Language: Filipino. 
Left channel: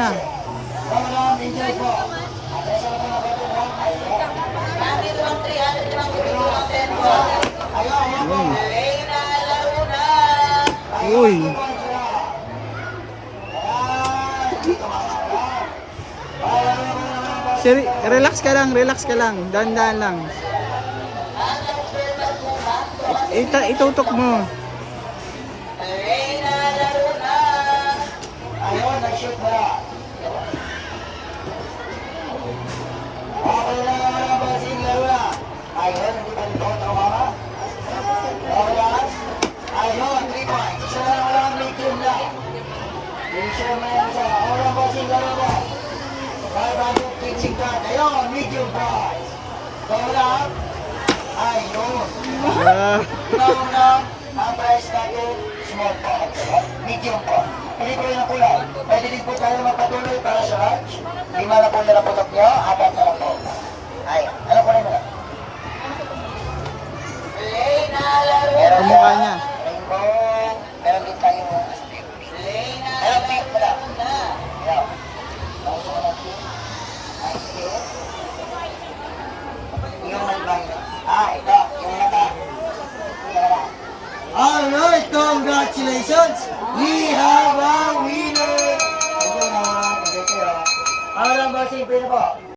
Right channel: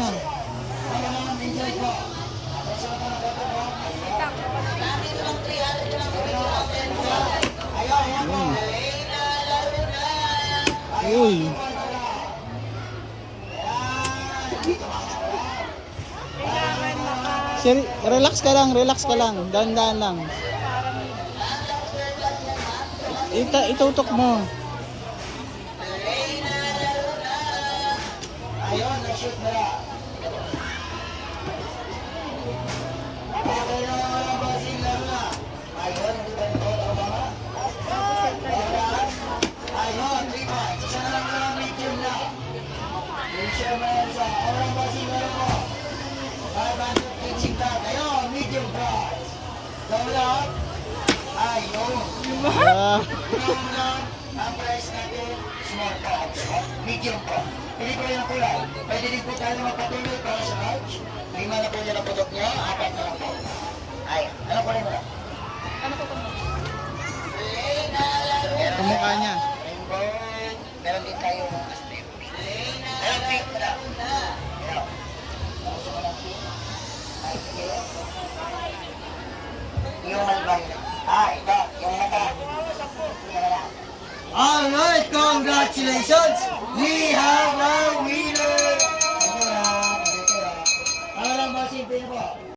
niya. Uy. Sir, relax ka lang, dahan-dahan lang. Itutok mo. Ayun, nag-shoot mo na. Okay na mga bossing laro na. Ayun, nag-shoot mo na. Ayun, 3 points. Isa na lang, medium na. Medium na yan sa orang bossing laro na. 500 pitching card. Ayun, medium price. Wala. Ayun. Ginawang lang, ang price natin, small cards. Medium po. Hindi po yung kulay. Pwede din po tayo magpatuloy para sa large. 5 na po nila putok nyo, 4 na lang po. Ayun. Ano kulay mo na? Kamukha niya. Rainbow. Meron din tayo astig. Ayun, pink mo na. Ikaw. Gusto mo ng pink? Astig. Yung malbay na. Ito. Yung mata. Alright, congratulations! We have a winner! Ayun na, ang bossing pin po.